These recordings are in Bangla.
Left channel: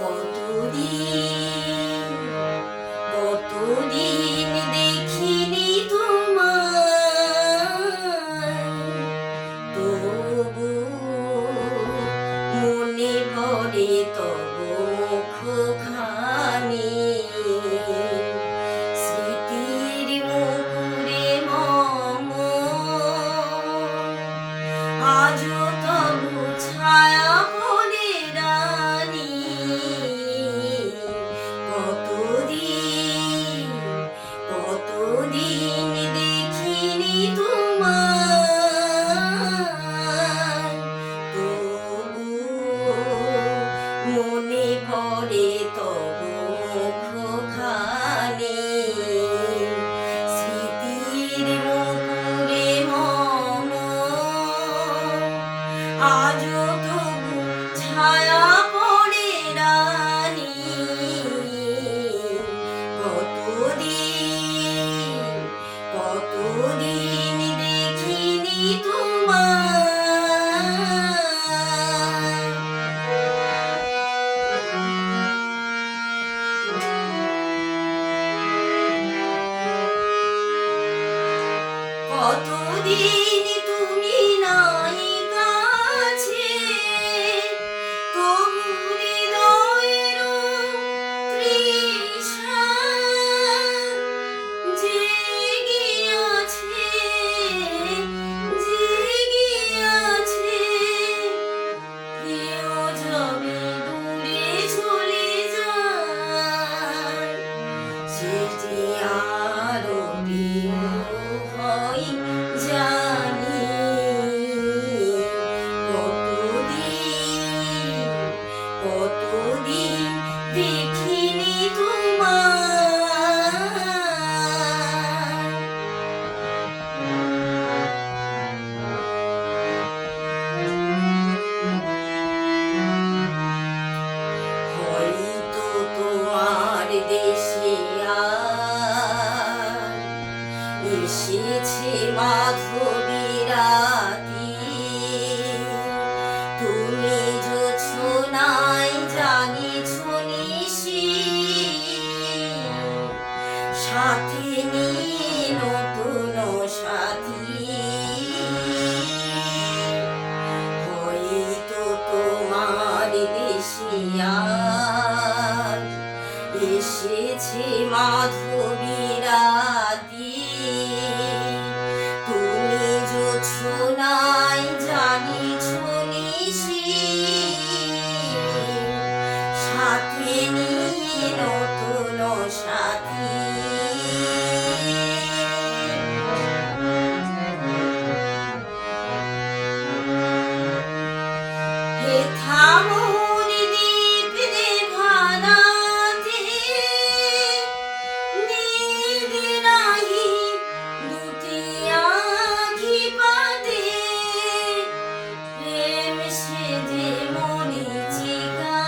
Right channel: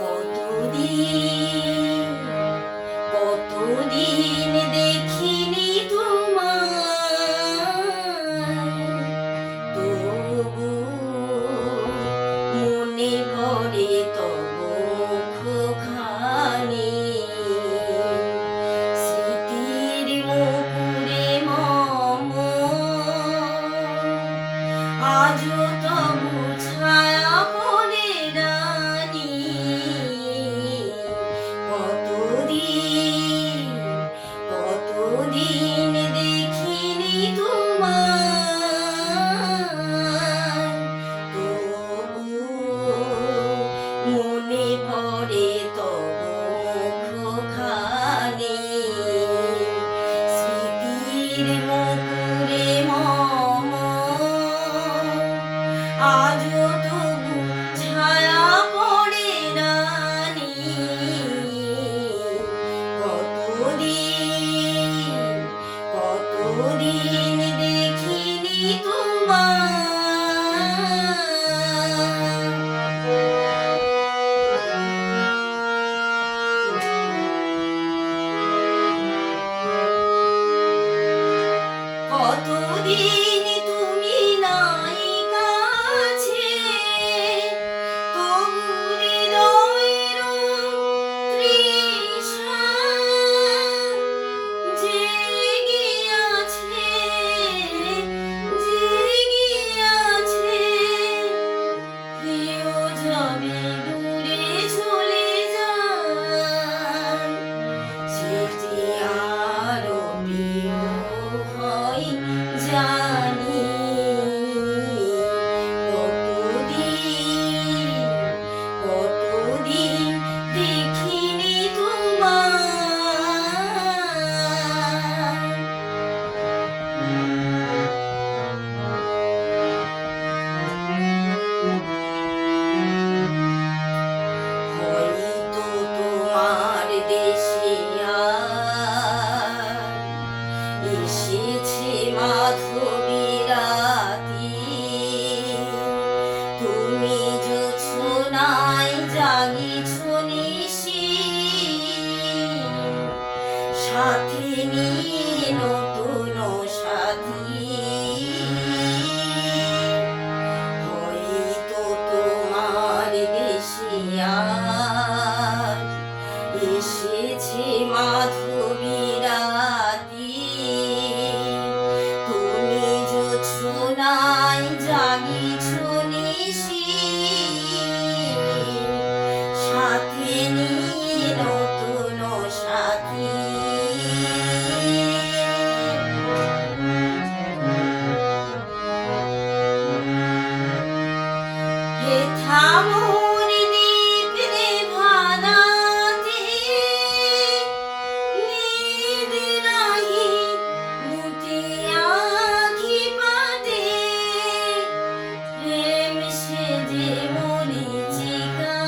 কতদিন কতদিন দেখিনি তোমায়, তবু মনে পড়ে তব মুখখানি। স্মৃতির মুকুরে মম আজও তবু ছায়া পড়ে রানী। কতদিন কতদিন দেখিনি তোমায়, তবু মনে পড়ে তব মুখখানি। স্মৃতির মুকুরে মম আজও তবু ছায়া পড়ে রানী। কতদিন কতদিন দেখিনি তোমায়। কতদিন তুমি নাই কাছে, তবু হৃদয়ের তৃষা জেগে আছে, জেগে আছে। প্রিয় যাবে দূরে চলে যায়, সে যে আরো প্রিয় হয় জানি। কতদিন কতদিন দেখিনি তোমায়। হয়তো তোমার দেশে আর এসেছে মাধবী রাতি। তুমি জোছনায় জাগিছ নিশি, সাথে নিয়ে নতুন সাথী। হয়তো তোমার দেশে আজ এসেছে মাধবী রাতি। তুমি জোছনায় জাগিছ নিশি, সাথে নিয়ে নতুন সাথী। হেথা মোর দ্বীপ রে ভানাতে, নিদ নাহি দুটি আঁখি পাতে। প্রেম সেজে মরীচিকা,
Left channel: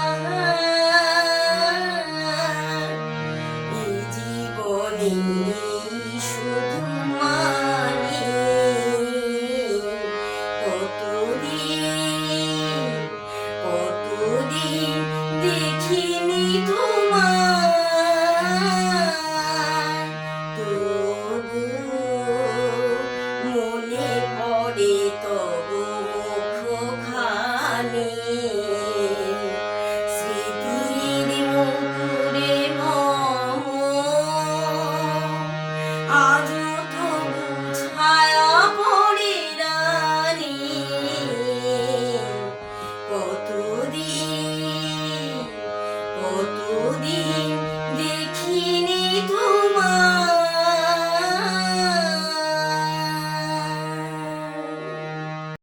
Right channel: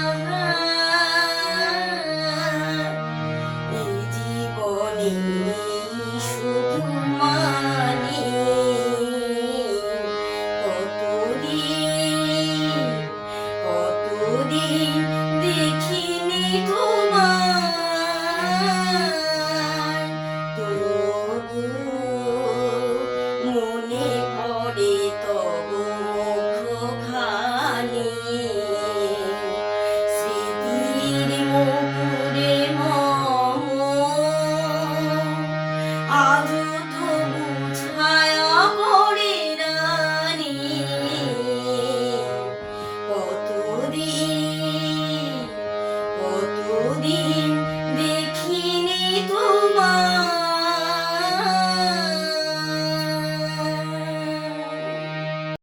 এই জীবনে শুধু মানি। কতদিন কতদিন দেখিনি তোমায়, তবু মনে পড়ে তব মুখখানি। স্মৃতির মুকুরে মম আজ